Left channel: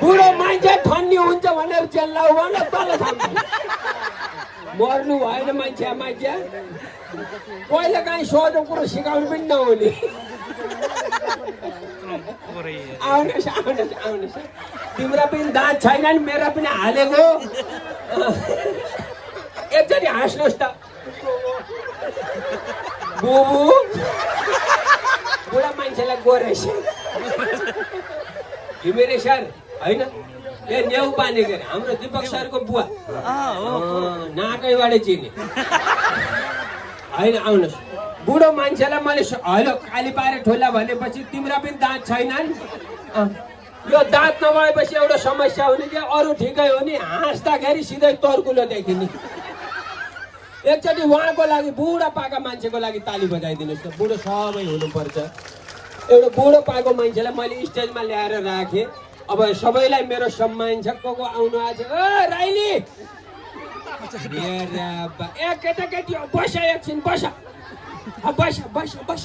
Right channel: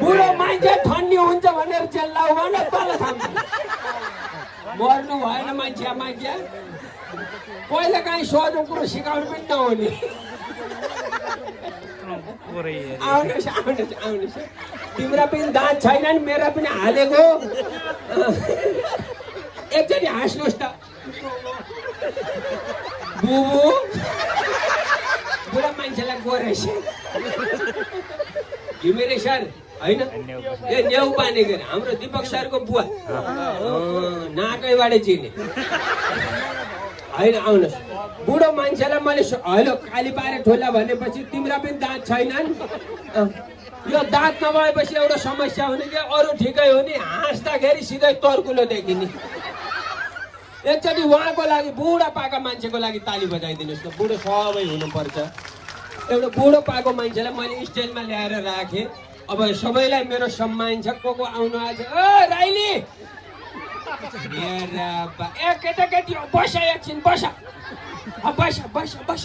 बुढो मान्छे ठन्डी हुन्छ भनेर चेल्लाउ भने तल थाम्छ मर्नु भएन मान्छे पहिला काहीँ सोझो कुरो सिकाउनु पनि नहुने आउनुहोस् तिम्रो पनि दाँत छैन नि मेरो पनि हालेको एकचोटि हाँस्नुहोस् त बुबु बुढा मान्छेलाई गोरेछ घिमिरे सर होइन ए नेउ पानेको हाम्रो दिपक सरको बुवा नाकैबाट चिने होइन आउनुहोस् बुढो मान्छेलाई मैले होइन काली पारे ठोला भनेपछि तिम्रो पनि दाँत छैनन् यो दाँत नभएपछि एउटा समस्या हुने कि अरू ठिकै हो नि हाँस्दाखेरि सिधै तर्कुलो देखिने एकचोटि उहाँको लागि बुढा पाका मान्छेको लागि ताली बजाइदिनुहोस् न बुढो सबै हुनुपर्छ एउटा बुढो पाएको मान्छेलाई मैले स्टेजमा ल्याएर राखेँ अब सबैलाई मेरो सम्मान छ को आउनु आज राइली ए केटाकेटी बस एकछिन बस बस बस बस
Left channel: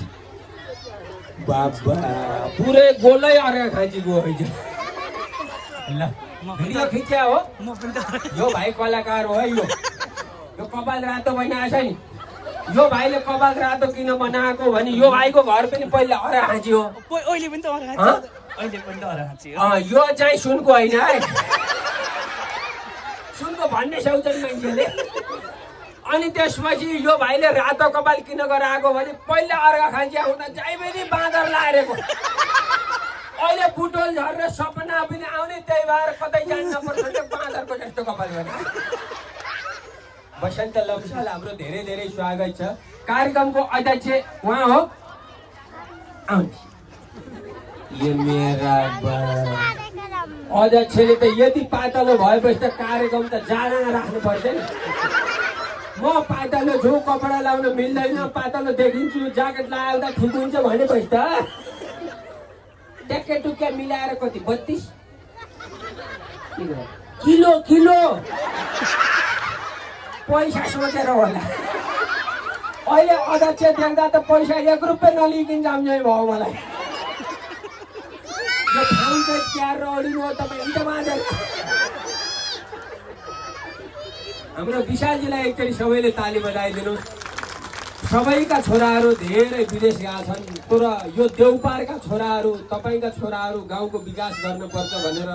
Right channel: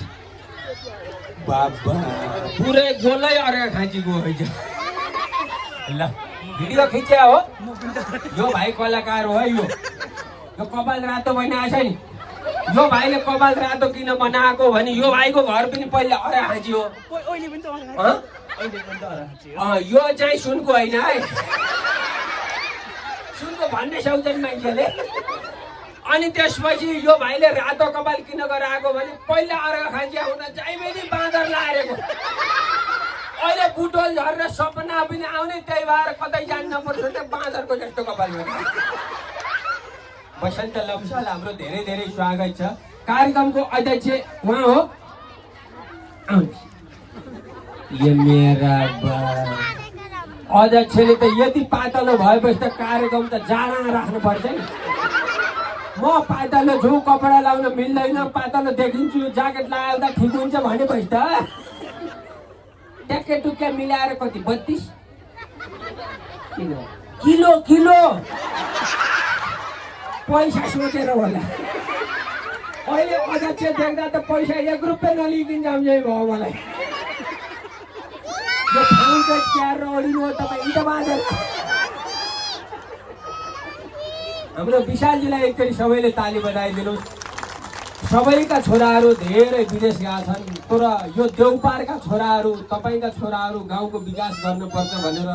बाबा पुरै गोलै अर्का खाँची गयो ल भिडियो खिच्या हो यो भाइ कलाकार हो है यो कपाल रातो बहिनी आएछ नि यो भाइले कपाल रातो किन बनाएको भने यो भाइको घर पनि पहिला अरा खाँची हो यो चाहिँ सुनको होइन है सुनको भन्ने सक्छन् मान्छेले अनि त्यसपछि यो भाइले रातो कपाल किन गराएको भने पहिला अर्का खाँची आउँदा चाहिँ बाँदर लाएको अहिले बुटोल झरेर सपना पनि आउने त्यही भएर कतै जान्न पर्छ त्यो बाँदरको जस्तो कपाल भने बसन्त लम्साल हाम्रो धेरै धेरै स्वागत छ कार्यक्रमको अध्यक्ष उहाँ हो अध्यक्षले त यति पातलो भएपछि त कार्यक्रम त जाडा राख्नुपर्छ नि म पातलो छु कपडा लाउन मिल्दैन पातलो देखिन्छु ज्याकेट लगाउँदा ठिक हुन्छ भनेपछि त ट्याक्के टुक्के मिलाएर कति 32 किलो किलो पैसा सोचेर होला अहिले अध्यक्ष देख्दा त पैसा 1 रुपियाँ नलिकन जाम्झै भयो मलाई यो ठाउँ चाहिँ प्यार र अडिनु हो तपाईँ त बाँधेर हाम्रो विशालजीलाई एकचोटि सबैले ताली बजाइदिनुहोस् सबैका छोराहरू धेरै विदेश गएका छन् तर यो देउपारका छोराहरू तपाईँका छोराहरू गाउँको विकास गर्नुपर्छ भनेर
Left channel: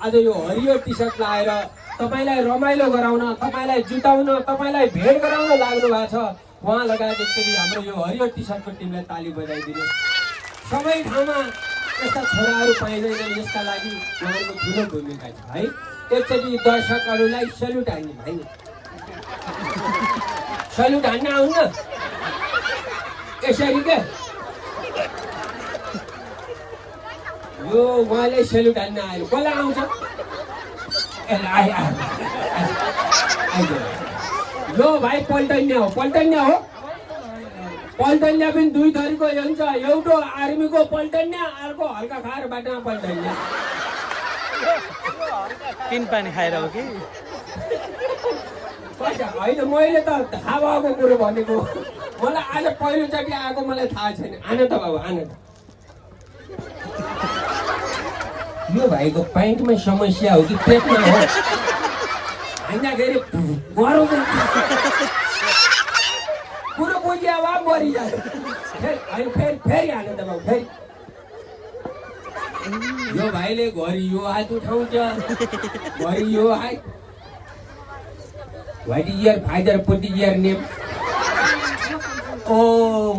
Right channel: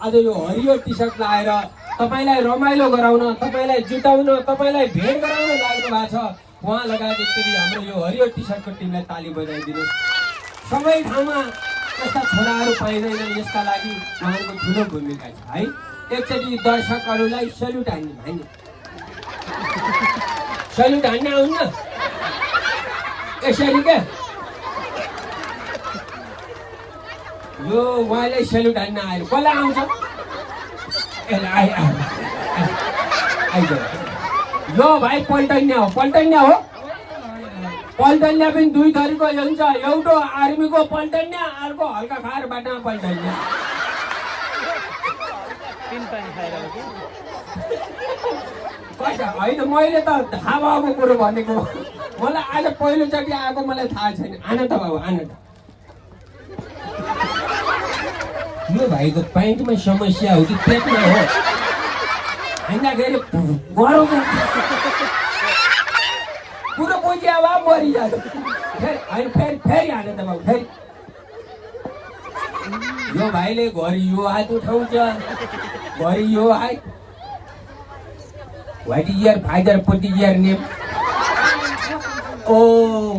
आज यो हरियो टी सर्ट लगाएर तपाईँलाई रमाइलो गराउन तपाईँलाई जुटाउन तपाईँलाई भेट गराउन लाग्नु भएको छ उहाँ लगायत एकचोटि हाम्रो यो हरियो टी सर्टको टिमलाई ताली बजाइदिनुहोस् सबै ठाउँमा त्यस्ता छोराहरू पाइँदैन यसका लागि उहाँहरूको ठुलो भूमिका छ है एकचोटि दर्शकहरूलाई सल्युट हान्ने भाइ सल्युट हान्न आउनु यसरी क्या यो उहाँलाई सल्युट हान्न आयो कसलाई आउँछ यो भाइ पल्टन्या हो पल्टन्या पनि दुई थरीको हुन्छ एउटा आर्मीको पल्टन्या अर्को हल्का खाएर बाटामा पल्टन्या तीन पानी खाएर हो कि होइन मैले त थाहा भएको कुरो भनेको मलाई आज पहिलोचोटि आएको मलाई थाहा छैन आन त बाबु आन त यो भाइको प्यान्टमा समस्या हो कि पेटमा हो हिँड्दाखेरि गरौँ पुरो बुझिया भए मरिजान्छ होइन फेरि हाने त बाबु फेरि यो भाइले घरि यो हात उठाउँछ घरि यो हात what is your father put is your name ओ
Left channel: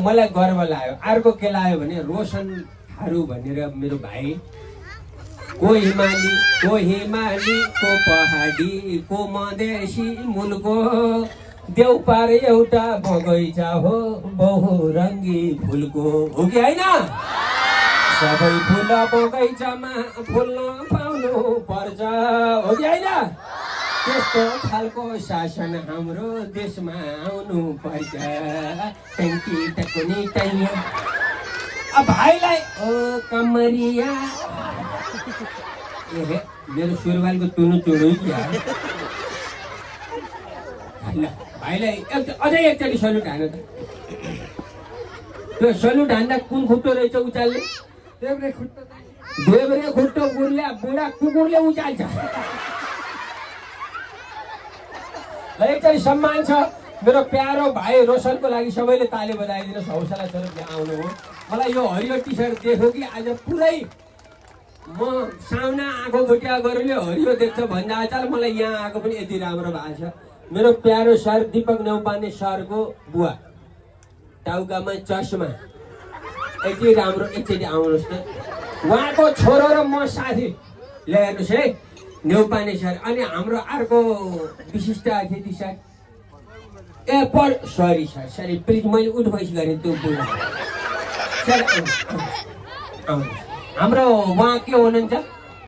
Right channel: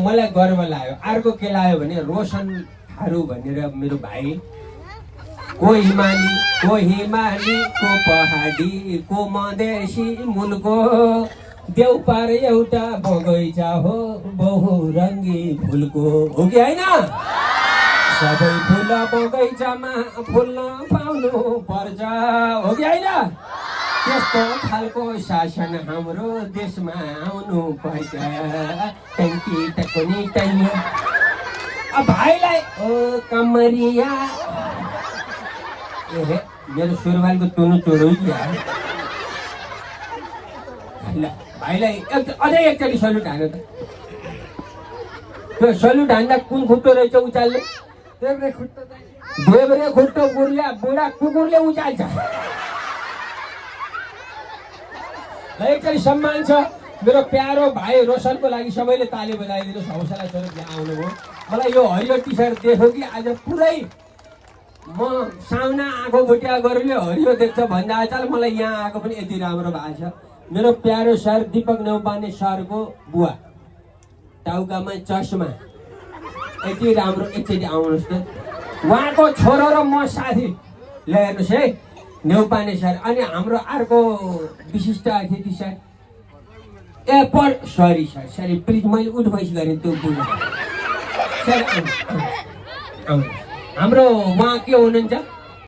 मलाई गर्व लाग्यो अर्को के लाग्यो भने रोशन थारू भनेर मेरो भाइ को हिमाली को पहाडी को मधेसी मुलको देउपार एउटा बगैँचा हो बहुरङ्गी फुलको हो कि होइन सबै फुल बगैँचामा फुल्न पाउनु पर्छ हो कि होइन त्यस्तो खालको शासन हाम्रो देशमा आउनु पर्छ ट्याङ्की टक्कुनी टाइम भाइलाई ओ कमरिया ए मेरो सुरुवालको तुनु चुडो भाइलाई अझै एकचोटि सल्युट हान्नु त त्यो सल्युट हान्दा कुन खुट्टो रहेछ उचाल्ने खुट्टो देब्रे खुट्टो बुढा कुकुरले उचाल्छ। एकदमै सम्मान छ मेरो प्यारो भाइ रोशनको लागि सबैले ताली बजाइदिनुहोस्, हौसला स्वरूप यहाँ आउनुभयो। मलाई यो हरियो टी सर्ट देख्यो कि आज पुरै म साउना आँखो भुटिया गरेर हरियो देख्छ भन्दा आज मलाई यहाँ आएको पनि यति राम्रो भएको छ। मेरो प्यारो सर दीपक नेउपाने सरको बुवा, टाउकामा चस्मा, यति राम्रो, एकचोटि आउनुहोस् कि उहाँको छोरो र म साथी ल्याउनुहोस् है नेउपाने सर। अनि हाम्रो अर्को विशिष्ट अतिथि sir sorry sir, sorry please, मैले उठबैस गरेँ त्यो बुढो सर। हाम्रो उहाँ के हुनुहुन्छ